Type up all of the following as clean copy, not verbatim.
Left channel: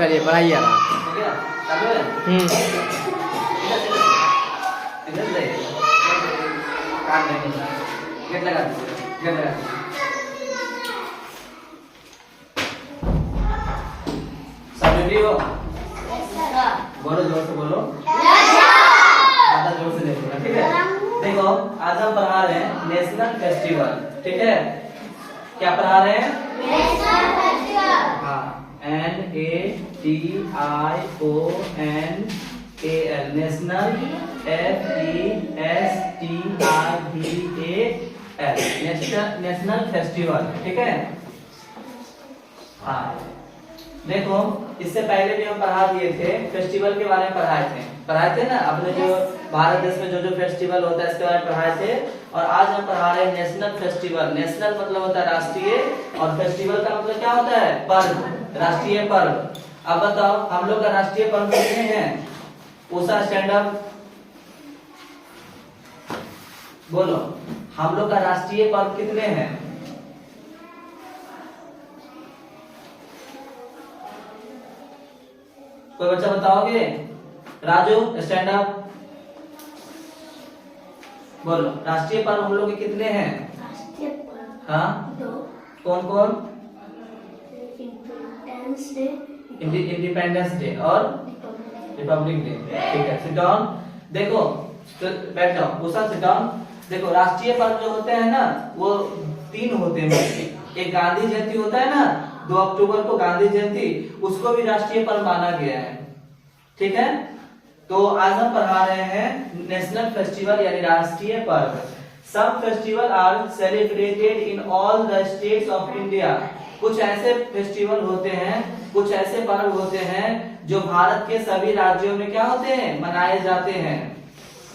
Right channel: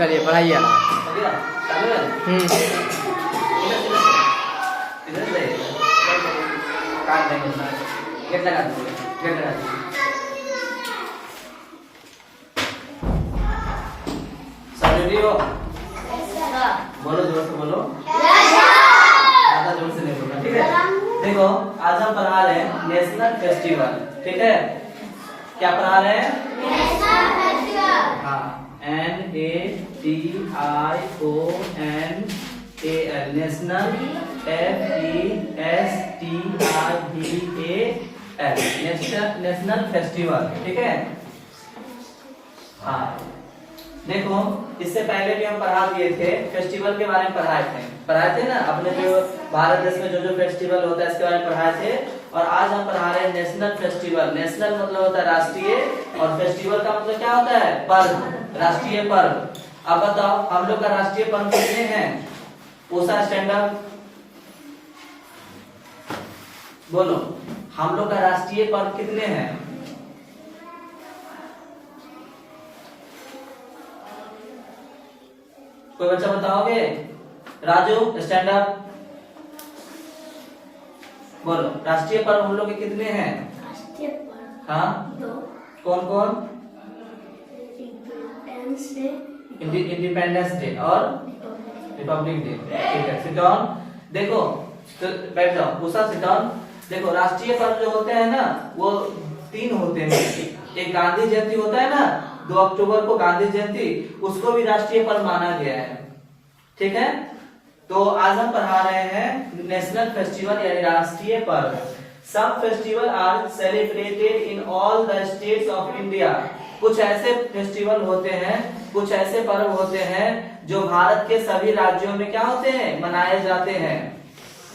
चलिए पढ़ाइए आप। सब रेडी हो? बोलो, जोर से बोलो, ज्यादा जोर से नहीं बोलना, ठीक है? देखो, आज हम पढ़ा रहे हैं नेशनल फेस्टिवल, ठीक है? क्या पढ़ा रहे हैं? हाँ, NATIONAL, national, FESTIVAL, national festival, ठीक है? हाँ, देखो, इससे पहले भी हम पढ़ा दिए थे, फेस्टिवल के बारे में पढ़ाए थे ना, अपने जो भारत देश में जो जो फेस्टिवल होता है इसके बारे में पढ़ाए थे। और आज हम पढ़ा रहे हैं नेशनल फेस्टिवल। नेशनल मतलब होता है राष्ट्रीय, और फेस्टिवल का मतलब क्या होता है? पर्व, राष्ट्रीय पर्व। अब बताओ, हम लोग का राष्ट्रीय पर्व कितने हैं? उषा, स्टैंड अप, बोलो, हम लोग का राष्ट्रीय पर्व कितने हैं? कोई बच्चा बताओगे? राजू, स्टैंड अप, बोलो, राष्ट्रीय पर्व हम लोग के कितने हैं? हाँ, कौन कौन? इंडिपेंडेंस डे और रिपब्लिक डे, ठीक है? Sit down. देखो, बैठ जाओ, उषा सिट डाउन। देखो, राष्ट्रीय पर्व जो होते हैं ना, वो 3 होते हैं। एक गांधी जयंती होता है ना, 2 अक्टूबर को गांधी जयंती, उसको भी राष्ट्रीय पर्व माना गया है, ठीक है? तो आज हम पढ़ा रहे हैं नेशनल फेस्टिवल यानी राष्ट्रीय पर्व। Some festival are celebrated in all the states of India. कुछ ऐसे फेस्टिवल होते हैं, कुछ ऐसे पर्व होते हैं जो भारत के सभी राज्यों में क्या होते हैं? मनाए जाते हैं।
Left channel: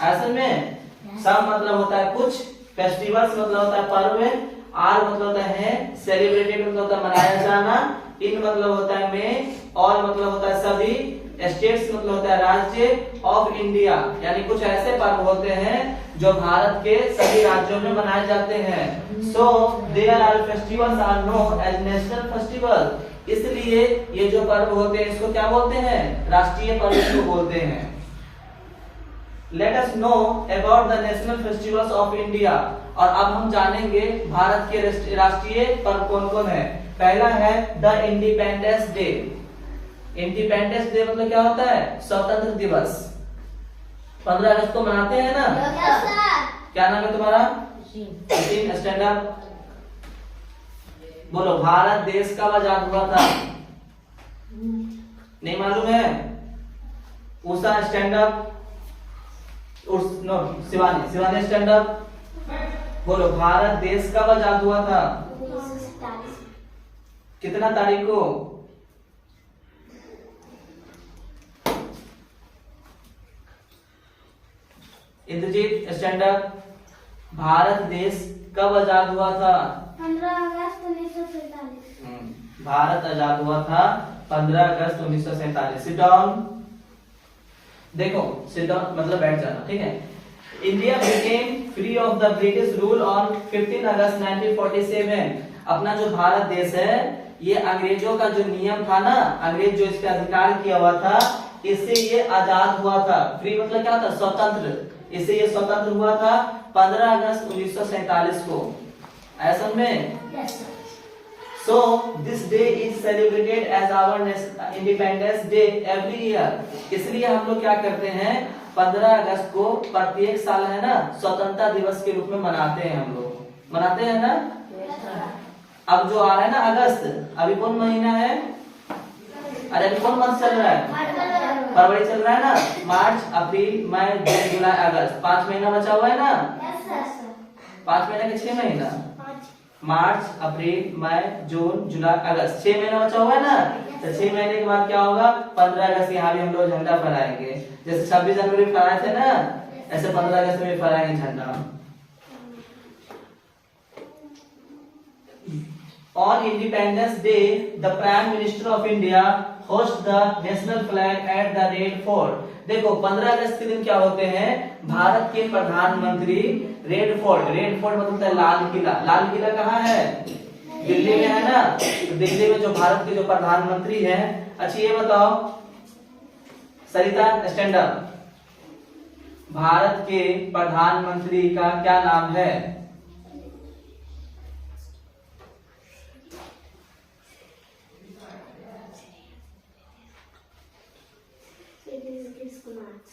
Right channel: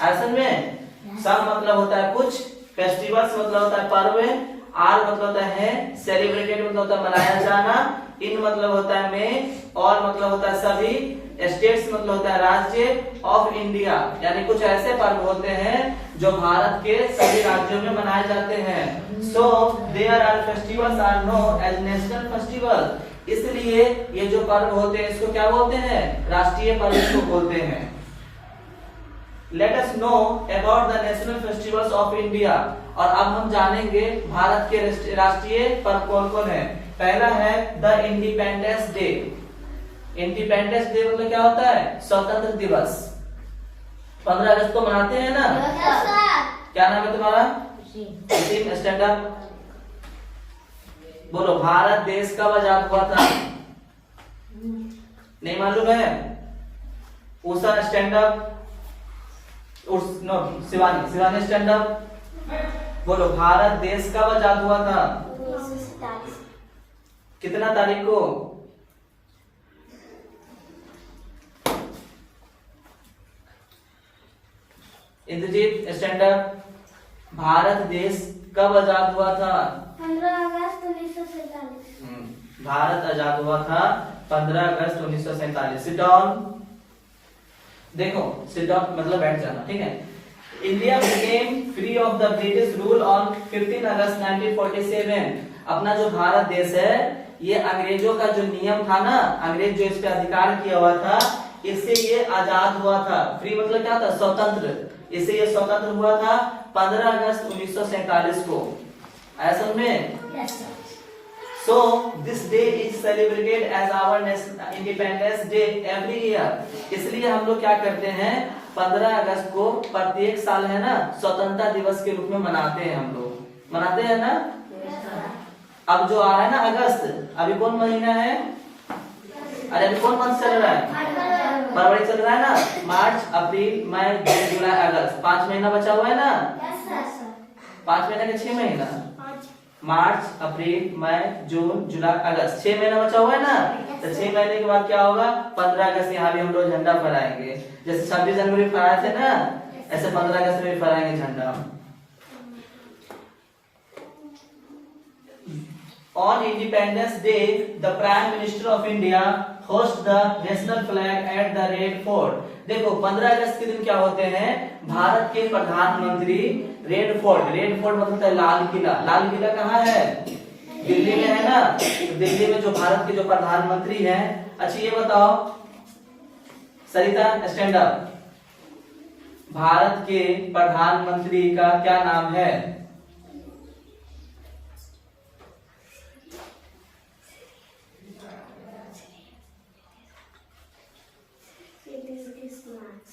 असल में सम मतलब होता है कुछ, फेस्टिवल्स मतलब होता है पर्व, आर मतलब होता है सेलिब्रेटेड मतलब होता है मनाया जाना, इन मतलब होता है में, और मतलब होता है सभी, स्टेट्स मतलब होता है राज्य, ऑफ इंडिया यानी कुछ ऐसे पर्व होते हैं जो भारत के सभी राज्यों में मनाए जाते हैं। So there are festivals are known as national festival. इसलिए ये जो पर्व होते हैं इसको क्या बोलते हैं? राष्ट्रीय पर्व इसको बोलते हैं। Let us know about the national festivals of India. और अब हम जानेंगे भारत के राष्ट्रीय पर्व कौन कौन है। पहला है the independence day. Independence day मतलब क्या होता है? स्वतंत्र दिवस। 15 अगस्त को मनाते हैं ना? क्या नाम है तुम्हारा? स्टैंड अप, बोलो, भारत देश कब आजाद हुआ था? नहीं मालूम है? Usha, stand up, no, Shivani stand up, बोलो, भारत देश कब आजाद हुआ था? कितना तारीख को? इंद्रजीत, स्टैंड अप, भारत देश कब आजाद हुआ था? 15 अगस्त 1947। भारत आजाद हुआ था 15 अगस्त 1947। Sit down. देखो, सिट डाउन मतलब बैठ जाना, ठीक है? India became free of the British rule on 15 अगस्त 1947। अपना जो भारत देश है, ये अंग्रेजों का जो नियम था ना, अंग्रेज जो इस पे अधिकार किया हुआ था, इससे ये आजाद हुआ था। फ्री मतलब क्या था? स्वतंत्र। इससे ये स्वतंत्र हुआ था 15 अगस्त 1947 को। ऐसा में so this day is celebrated as our independence day every year. इसलिए हम लोग क्या करते हैं? 15 अगस्त को प्रत्येक साल है ना, स्वतंत्रता दिवस के रूप में मनाते हैं। हम लोग मनाते हैं ना? अब जो आ रहा है ना अगस्त, अभी कौन महीना है? अरे अभी कौन मंथ चल रहा है? फरवरी चल रहा है ना? मार्च, अप्रैल, मई, जून, जुलाई, अगस्त, 5 महीना बचा हुआ है ना? 5 महीना के 6 महीना, मार्च, अप्रैल, मई, जून, जुलाई, अगस्त, 6 महीना बचा हुआ है ना? तो 6 महीने के बाद क्या होगा? 15 अगस्त यहाँ भी हम लोग झंडा फहराएंगे। जैसे 26 जनवरी फहराए थे ना, ऐसे 15 अगस्त में फहराएंगे झंडा। On Independence Day, the Prime Minister of India hosts the national flag at the Red Fort. देखो, 15 अगस्त के दिन क्या होते हैं? भारत के प्रधानमंत्री रेड फोर्ट मतलब होता है लाल किला। लाल किला कहाँ है? दिल्ली में है ना? दिल्ली में जो भारत के जो प्रधानमंत्री हैं अच्छा ये बताओ सरिता, स्टैंड अप। भारत के प्रधानमंत्री का क्या नाम है?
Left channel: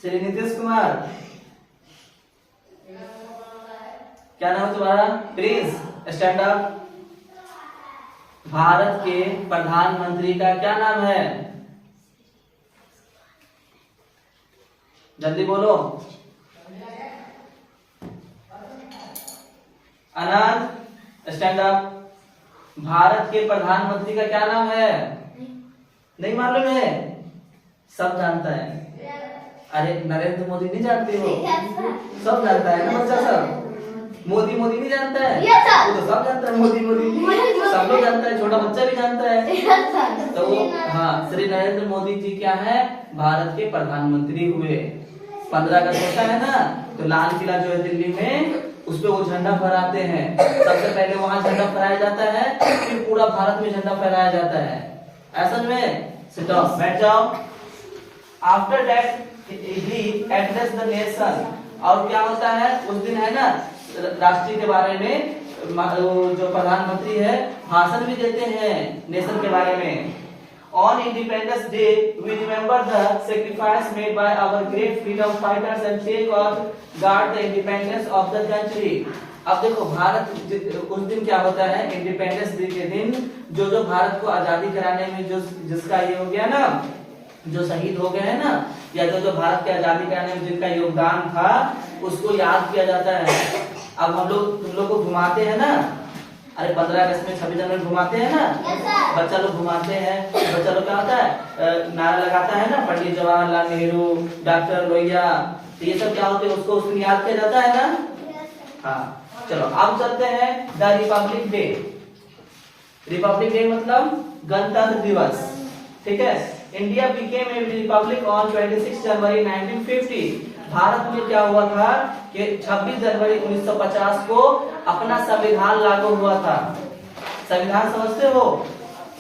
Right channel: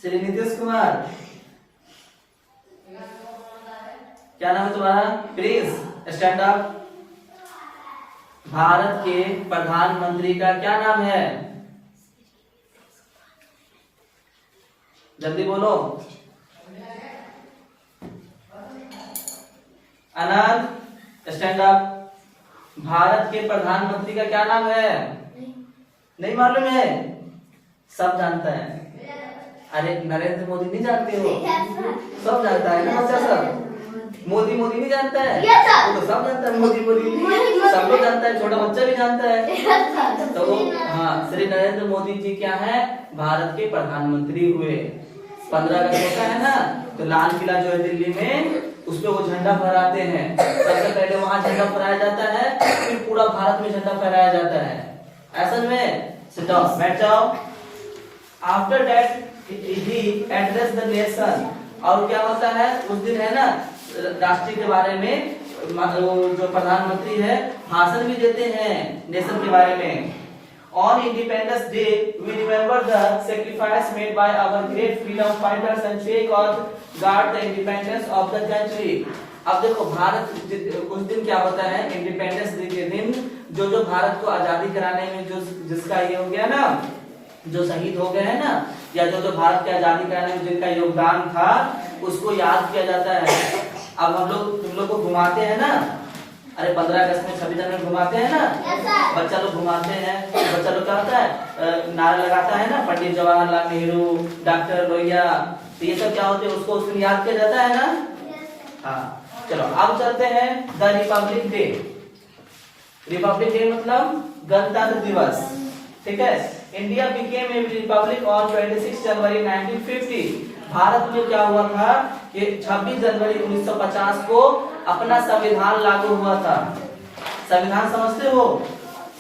श्री नीतीश कुमार। क्या नाम है तुम्हारा? Prince, stand up. भारत के प्रधानमंत्री का क्या नाम है? जल्दी बोलो। आनंद, स्टैंड अप। भारत के प्रधानमंत्री का क्या नाम है? नहीं मालूम है? सब जानता है। अरे नरेंद्र मोदी नहीं जानते हो? सब जानता है ना बच्चा सब। मोदी मोदी नहीं जानता है? वो तो सब जानता है, मोदी मोदी सब लोग जानता है, छोटा बच्चा भी जानता है। तो हाँ, श्री नरेंद्र मोदी जी क्या है? भारत के प्रधानमंत्री हुए। 15 अगस्त होता है ना, तो लाल किला जो है दिल्ली में, उस पे वो झंडा फहराते हैं। सबसे पहले वहां झंडा फहराया जाता है, फिर पूरा भारत में झंडा फहराया जाता है। ऐसा में सिट डाउन, बैठ जाओ। After that he address the nation. और क्या होता है उस दिन है ना, राष्ट्रीय के बारे में जो प्रधानमंत्री है भाषण भी देते हैं नेशन के बारे में। On Independence Day we remember the sacrifice made by our great freedom fighters and take और guard the independence of the country. अब देखो भारत उस दिन क्या होता है, इंडिपेंडेंस डे के दिन जो भारत को आजादी कराने में जो जिसका ये हो गया ना, जो शहीद हो गए हैं ना, या जो भारत की आजादी कराने में जिनका योगदान था, उसको याद किया जाता है। अब हम लोग तुम लोग को घुमाते हैं ना, अरे 15 अगस्त में 26 जनवरी घुमाते हैं ना, बच्चा लोग घुमाते हैं। बच्चा लोग क्या होता है, नारा लगाता है ना, पंडित जवाहरलाल नेहरू, डॉक्टर लोहिया, तो ये सब क्या होते हैं, उसको उस दिन याद किया जाता है ना। हाँ चलो अब चलते हैं the republic day. Republic day मतलब गणतंत्र दिवस, ठीक है। India became a Republic on 26 जनवरी 1950। भारत में क्या हुआ था कि 26 जनवरी 1950 को अपना संविधान लागू हुआ था। संविधान समझते हो?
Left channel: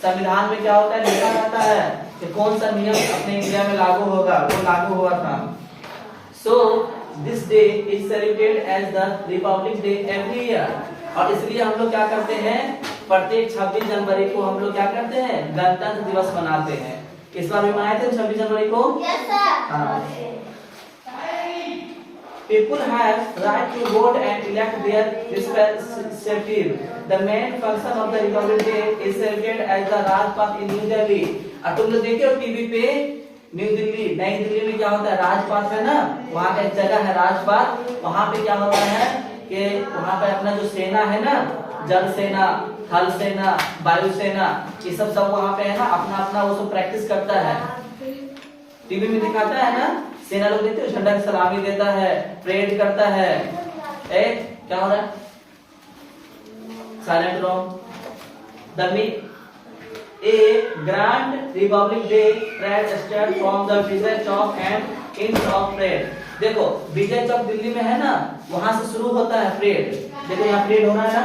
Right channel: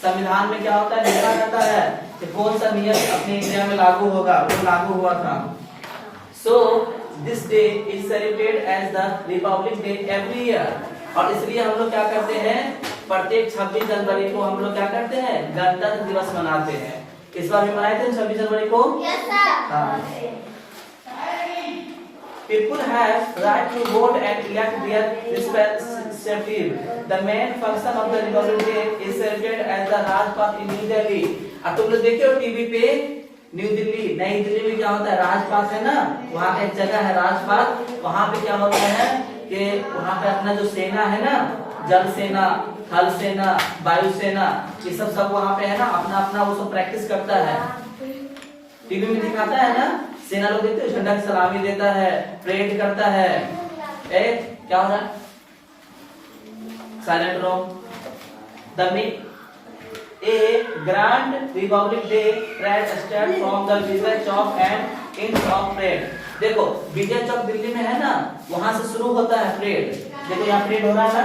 संविधान में क्या होता है, लिखा जाता है कि कौन सा नियम अपने इंडिया में लागू होगा, वो लागू हुआ था। So this day is celebrated as the republic day every year. और इसलिए हम लोग क्या करते हैं, प्रत्येक 26 जनवरी को हम लोग क्या करते हैं, गणतंत्र दिवस मनाते हैं। इस बार भी मनाए थे 26 जनवरी को। हाँ। People have right to vote and elect their representative. The main function of the Republic Day is celebrated as the Rajpath in New Delhi. अब तुम लोग देखे हो टीवी पे, न्यू दिल्ली, नई दिल्ली में क्या होता है, राजपाथ है ना, वहाँ का एक जगह है राजपाथ। वहाँ पे क्या होता है कि वहाँ पे अपना जो सेना है ना, जल सेना, थल सेना, वायु सेना, ये सब वहाँ पे है ना, अपना अपना वो सब प्रैक्टिस करता है। टीवी में दिखाता है ना, सेना लोग देखते हो, झंडा की सलामी देता है, परेड करता है। क्या हो रहा है, साइलेंट रहो। A grand Republic Day parade starts from the Vijay Chowk and ends of parade. देखो विजय चौक दिल्ली में है ना, वहां से शुरू होता है परेड। देखो यहाँ परेड हो रहा है ना,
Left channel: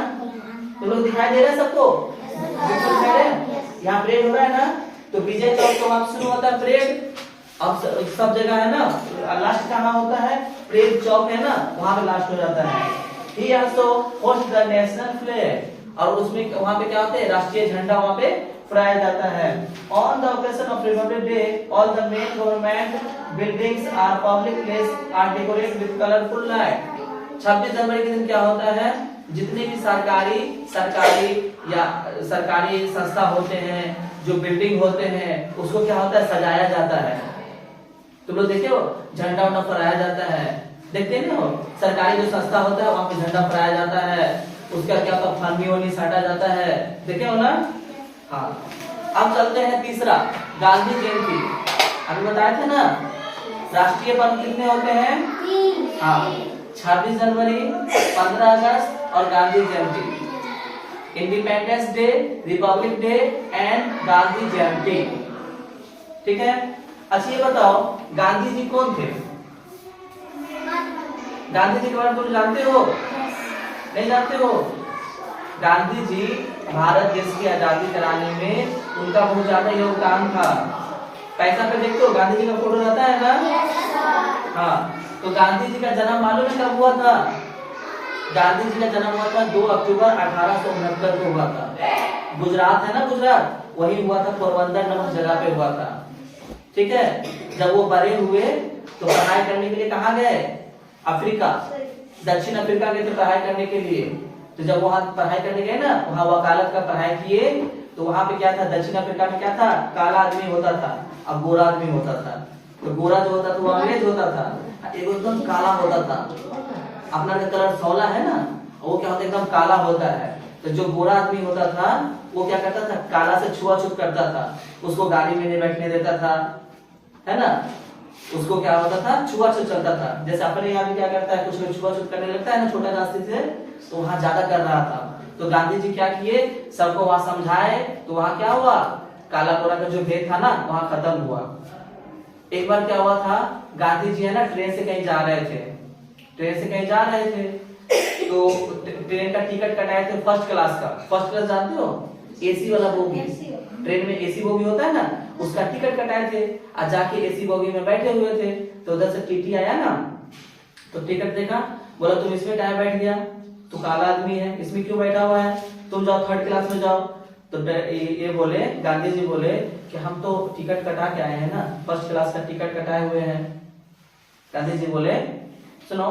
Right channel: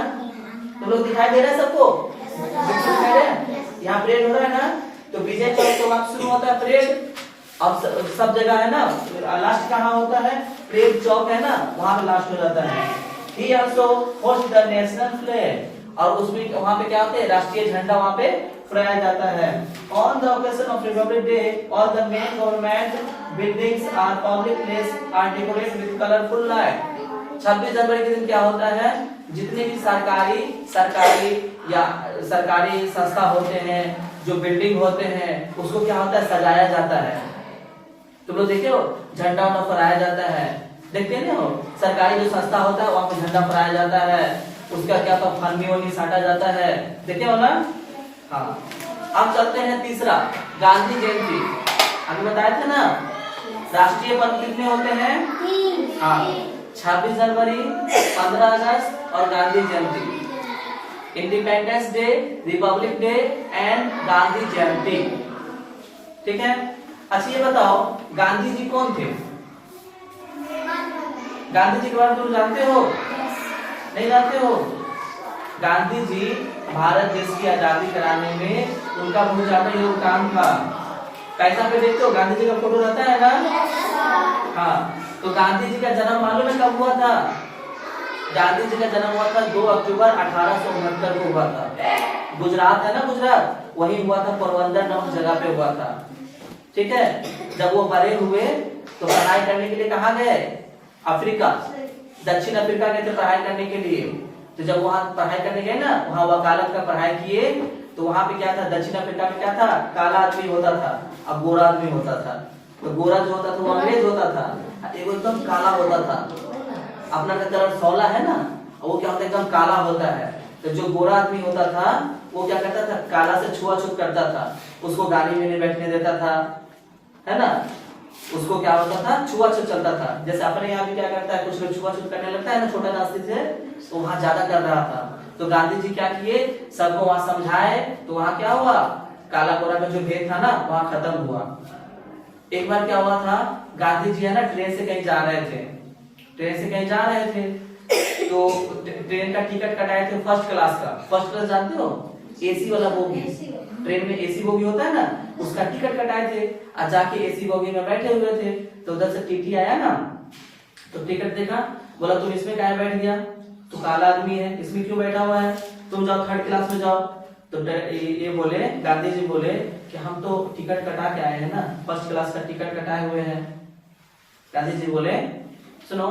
तुम लोग दिखाई दे रहा है सबको, यहाँ परेड हो रहा है ना, तो विजय चौक तो वहां शुरू होता है परेड। अब सब जगह है ना, लास्ट कहाँ होता है, परेड चौक है ना, वहां पे लास्ट हो जाता है। He also hosts the national flag, और उसमें वहां पे क्या होता है, राष्ट्रीय झंडा वहां पे फहराया जाता है। On the occasion of Republic Day, all the main government buildings और public places are decorated with colorful light। 26 जनवरी के दिन क्या होता है, जितने भी सरकारी या सरकारी संस्था होते हैं, जो बिल्डिंग होते हैं, उसको क्या होता है, सजाया जाता है। तुम लोग देखे हो, झंडा उंडा फहराया जाता है, देखते ना हो, सरकारी जो संस्था होता है वहां पे झंडा फहराया जाता है, उसका क्या तो फन्नी वन्नी साटा जाता है, देखे हो ना। हाँ अब चलते हैं तीसरा, गांधी जयंती। अभी बताया था ना, राष्ट्रीय पर्व कितने होते हैं, हाँ 26 जनवरी, 15 अगस्त और Gandhi Jayanti. Independence Day, Republic Day and Gandhi Jayanti, ठीक है। अच्छा ये बताओ, गांधी जी कौन थे? गांधी जी के बारे में तुम जानते हो? नहीं जानते हो? गांधी जी भारत देश की आजादी कराने में उनका बहुत ज्यादा योगदान था। पैसा पे देखते हो गांधी जी का फोटो रहता है ना। हाँ, तो गांधी जी का जन्म मालूम है कब हुआ था? गांधी जी का जन्म हुआ था 2 अक्टूबर 1869 को हुआ था। गुजरात है ना, गुजरात, वही हुआ था, पोरबंदर नामक जगह पे हुआ था। ठीक है। जब वो बड़े हुए तो पढ़ाई करने के लिए कहाँ गए? अफ्रीका, दक्षिण अफ्रीका गए थे पढ़ाई करने के लिए। तो जब वहां पढ़ाई करने गए ना, वहां वकालत का पढ़ाई किए, तो वहां पे क्या था, दक्षिण अफ्रीका में क्या था, काला आदमी होता था, अब गोरा आदमी होता था। तो गोरा जो होता था वो अंग्रेज होता था, एक एकदम काला होता था। अपना का कलर सौला है ना, वो क्या होता है, एकदम काला होता है। तो जो गोरा आदमी होता था वो क्या करता था, काला से छुआछूत करता था, उसको गाड़ी में नहीं बैठने देता था, है ना। उसको क्या होता था, छुआछूत चलता था। जैसे अपने यहाँ भी क्या करता है, कुछ लोग छुआछूत करने लगता है ना छोटे रास्ते से, तो वहां ज्यादा कर रहा था। तो गांधी जी क्या किए, सबको वहां समझाए, तो वहां क्या हुआ, काला गोरा का जो भेद था ना वहां खत्म हुआ। एक बार क्या हुआ था, गांधी जी है ना ट्रेन से कहीं जा रहे थे, ट्रेन से कहीं जा रहे थे, तो ट्रेन का टिकट कटाए थे फर्स्ट क्लास का। फर्स्ट क्लास जानते हो, एसी वाला बोगी, ट्रेन में एसी बोगी होता है ना, उसका टिकट कटाए थे और जाके एसी बोगी में बैठे हुए थे। तो उधर से टीटी आया ना, तो टिकट देखा, बोला तुम इसमें काहे बैठ गया, तो काला आदमी है, इसमें क्यों बैठा हुआ है, तुम जाओ थर्ड क्लास में जाओ। तो ये बोले, गांधी जी बोले कि हम तो टिकट कटा के आए हैं ना, फर्स्ट क्लास का टिकट कटाए हुए हैं। गांधी जी बोले सुनो,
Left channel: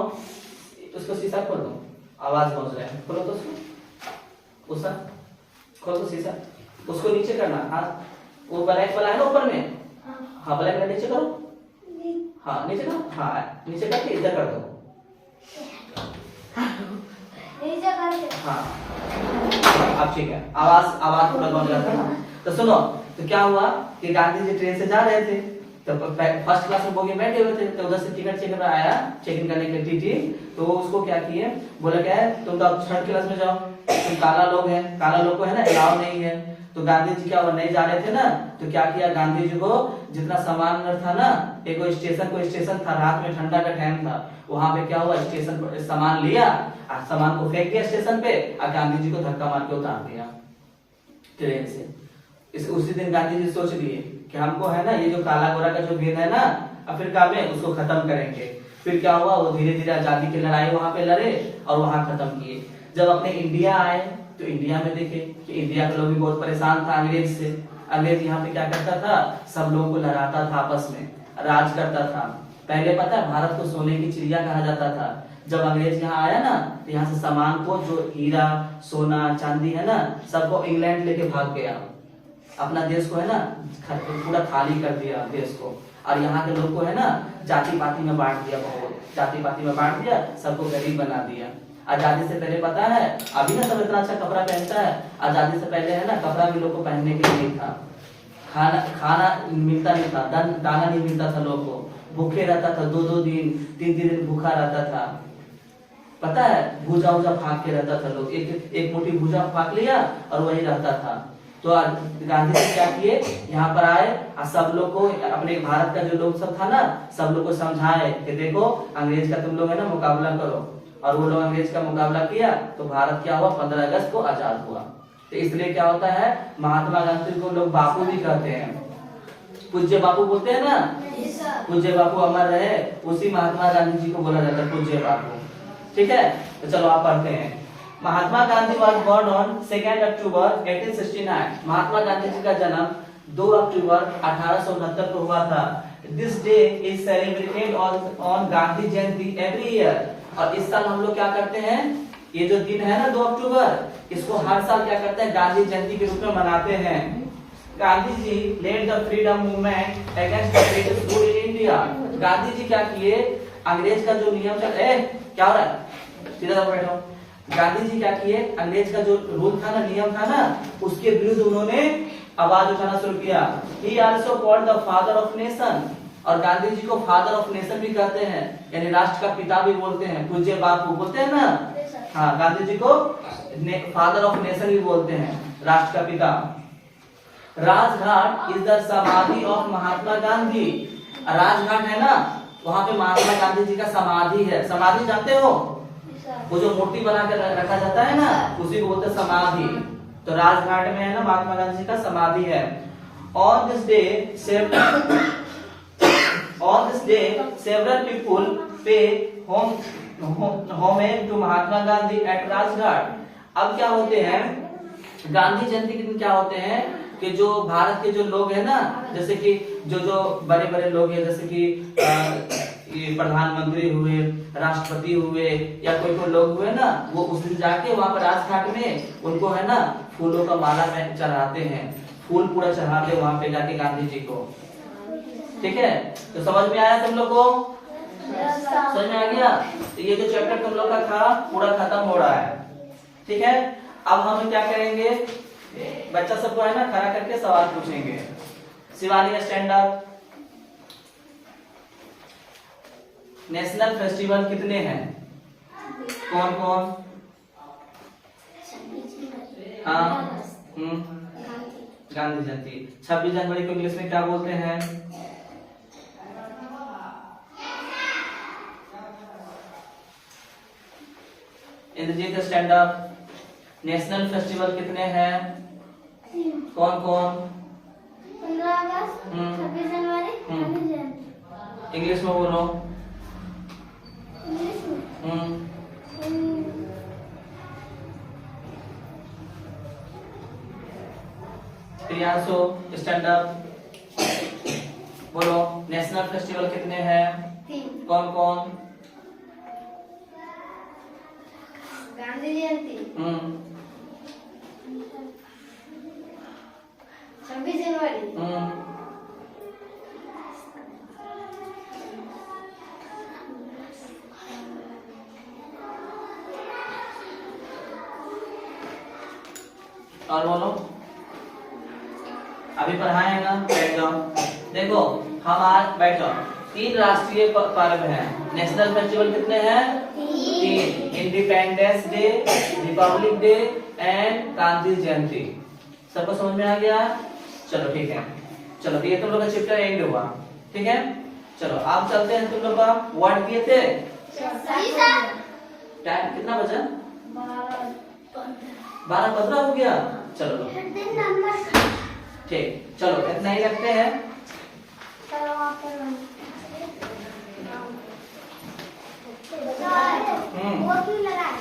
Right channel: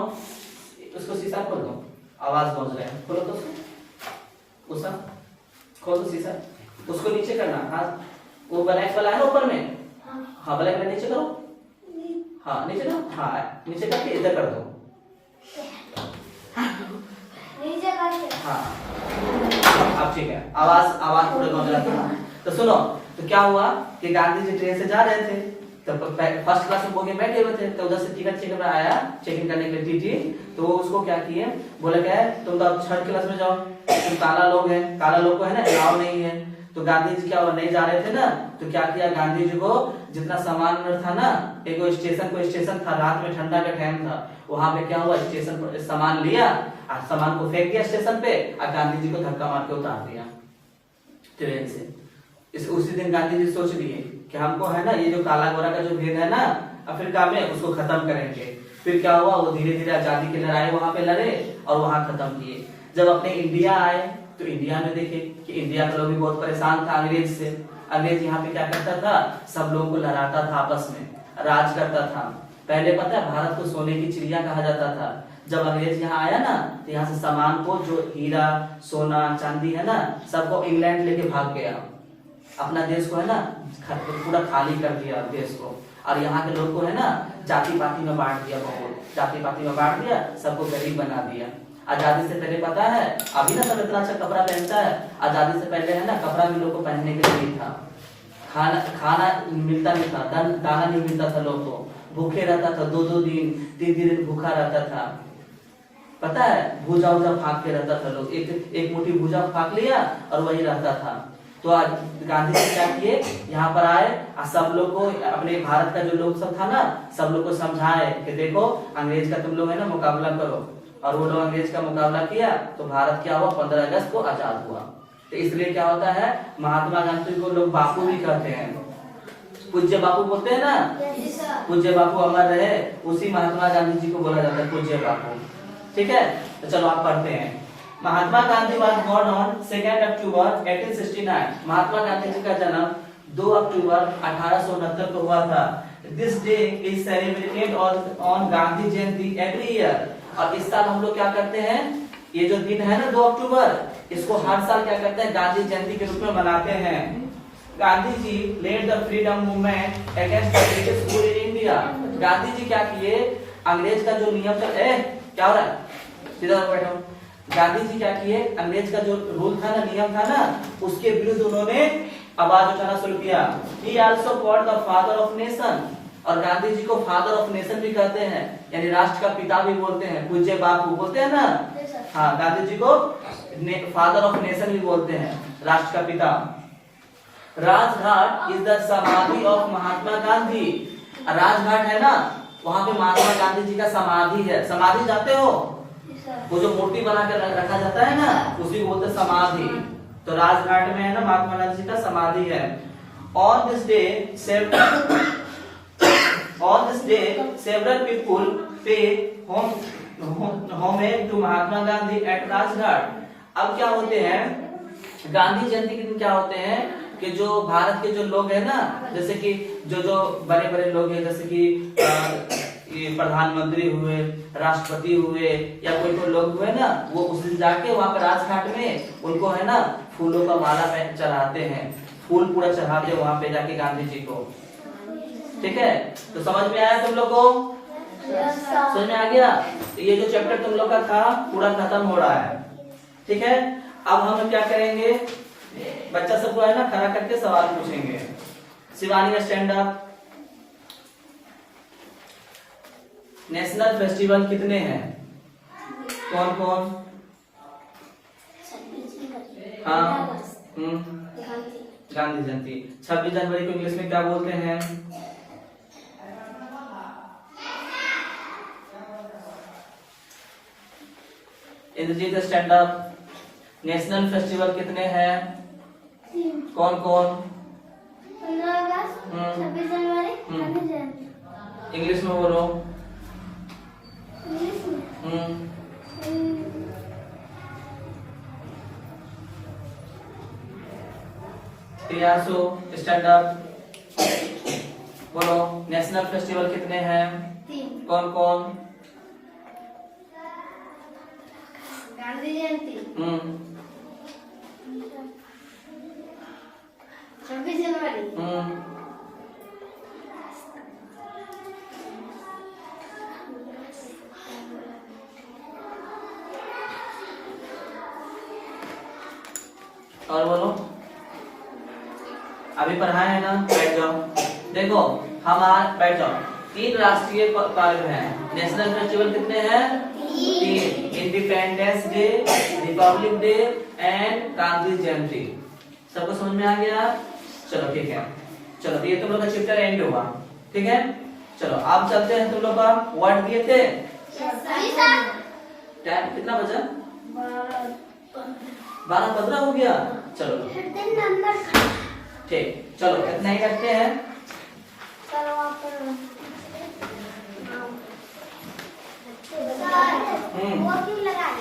उसको शीशा खोल दो, आवाज पहुंच रहा है, खोलो तो उसका खोल दो शीशा, उसको नीचे करना। हाँ, वो ब्लैक वाला है ना ऊपर में, हाँ ब्लैक वाला नीचे करो, हाँ नीचे करो, हाँ नीचे करके इधर कर दो, नीचे करके, हाँ अब ठीक है, आवाज पूरा पहुंच रहा था ना। तो सुनो, तो क्या हुआ कि गांधी जी ट्रेन से जा रहे थे, तो फर्स्ट क्लास में बोगी बैठे हुए थे, तो उधर से टिकट चेकर आया, चेक इन करने के लिए टीटी, तो उसको क्या किए, बोले क्या है तुम तो थर्ड क्लास में जाओ, तुम काला लोग है, काला लोग को है ना अलाउ नहीं है। तो गांधी जी क्या वो नहीं जा रहे थे ना, तो क्या किया, गांधी जी को जितना सामान था ना, एक कोई स्टेशन था, रात में ठंडा का टाइम था, वहां पे क्या हुआ, स्टेशन पर सामान लिया और सामान को फेंक दिया स्टेशन पे, और गांधी जी को धक्का मार के उतार दिया ट्रेन से। उसी दिन गांधी जी सोच लिए कि हमको है ना ये जो काला गोरा का जो भेद है ना अफ्रीका में, उसको खत्म करेंगे। फिर क्या हुआ, वो धीरे धीरे आजादी की लड़ाई वहां पे लड़े और वहां खत्म किए। जब अपने इंडिया आए तो इंडिया में देखे कि इंडिया का लोग भी बहुत परेशान था अंग्रेज से। अंग्रेज यहाँ पे क्या करता था, सब लोगों को लड़ाता था, आपस में राज करता था। पहले पता है भारत को सोने की चिड़िया कहा जाता था। जब अंग्रेज यहाँ आया ना, तो यहाँ से सामान को, जो हीरा सोना चांदी है ना, सबको इंग्लैंड लेके भाग गया। अपना देश को है ना पूरा खाली कर दिया देश को, और यहाँ के लोग को है ना जाति पाति में बांट दिया, बहुत जाति पाति में बांट दिया, सबको गरीब बना दिया। आजादी से पहले पता है, अभी ना सब इतना अच्छा कपड़ा पहनता है, आजादी से पहले है ना कपड़ा भी लोग को पहनने के लिए नहीं था, खाना मिलता नहीं था, दाना नहीं मिलता था, लोग को भूखे रहता था, 2-2 दिन 3-3 दिन भूखा रहता था। पता है भूजा उजा फाक के रहता था लोग, एक मुट्ठी भूजा फाक लिया और वही रहता था। तो गांधी जी क्या किए, यहाँ पर आए और सब लोग को, अपने भारत का जो लोग सब था ना, सब लोग को समझाए कि देखो अंग्रेज का तुम लोग है ना मुकाबला करो। और वो लोग अंग्रेज का मुकाबला किया तो भारत क्या हुआ, 15 अगस्त को आजाद हुआ। तो इसलिए क्या होता है, महात्मा गांधी को लोग बापू भी कहते हैं, पूज्य बापू बोलते हैं ना, पूज्य बापू अमर रहे, उसी महात्मा गांधी जी को बोला जाता है पूज्य बापू। ठीक है, तो चलो आप पढ़ते हैं। Mahatma Gandhi was born on 2 अक्टूबर 1869। महात्मा गांधी जी का जन्म 2 अक्टूबर 1869 को हुआ था। This day is celebrated on Gandhi Jayanti every year। और इस साल हम लोग क्या करते हैं, ये जो दिन है ना 2 अक्टूबर, इसको हर साल क्या करते हैं, गांधी जयंती के रूप में मनाते हैं। Gandhi ji led the freedom movement against the British rule in India. Gandhi ji क्या किए, अंग्रेज का जो नियम था, क्या हो रहा है, सीधा बैठो। गांधी जी क्या किए, अंग्रेज का जो रूल था ना, नियम था ना, उसके विरुद्ध उन्होंने आवाज उठाना शुरू किया। He also called the father of nation। और गांधी जी को फादर ऑफ नेशन भी कहते हैं, यानी राष्ट्र का पिता भी बोलते हैं, पूज्य बापू बोलते हैं ना। हाँ, गांधी जी को फादर ऑफ नेशन भी बोलते हैं, राष्ट्र का पिता। राजघाट इज द समाधि ऑफ महात्मा गांधी। राजघाट है ना, वहां पे महात्मा गांधी जी का समाधि है। समाधि जानते हो, वो जो मूर्ति बना कर रखा जाता है ना, उसी को बोलते हैं समाधि। तो राजघाट में है ना महात्मा गांधी जी का समाधि है। On this day, several people pay homage to Mahatma Gandhi at Rajghat. अब क्या होते हैं, गांधी जयंती के दिन क्या होते हैं कि जो भारत के जो लोग हैं ना, जैसे कि जो बड़े बड़े लोग हैं, जैसे कि ये प्रधानमंत्री हुए, राष्ट्रपति हुए, या कोई लोग हुए ना, वो उस दिन जाके वहां पर राजघाट में उनको है ना फूलों का माला चढ़ाते हैं, फूल पूरा चढ़ाते हैं वहां पे जाके गांधी जी को। ठीक है, तो समझ में आया तुम लोग को? समझ में आ गया? तो ये जो चैप्टर तुम लोग का था पूरा खत्म हो रहा है। ठीक है, अब हम क्या करेंगे, बच्चा सबको है ना खड़ा करके सवाल पूछेंगे। Shivani stand up. National festival कितने हैं? कौन कौन? हाँ, गांधी जयंती। 26 जनवरी को इंग्लिश में क्या बोलते हैं? Indrajit stand up. National festival कितने हैं? कौन कौन? 15 अगस्त, 26 जनवरी, गांधी जयंती। इंग्लिश में बोलो। इंग्लिश में प्रियांशु स्टैंड अप, बोलो नेशनल फेस्टिवल कितने हैं? 3। कौन कौन? गांधी जयंती, 26 जनवरी, और बोलो। अभी पढ़ाए हैं ना, बैठ जाओ। देखो हम आज बैठ जाओ। 3 राष्ट्रीय पर्व हैं। नेशनल फेस्टिवल कितने हैं? 3। Independence Day, Republic Day and Gandhi Jayanti. सबको समझ में आ गया? चलो ठीक है, चलो ये तुम लोग का चैप्टर एंड हुआ। ठीक है, चलो आप चलते हैं। तुम लोग का वर्ड किए थे? टाइम कितना बचा? 12:15 हो गया। चलो ठीक, चलो इतना ही रखते हैं। वो क्यों लगाए?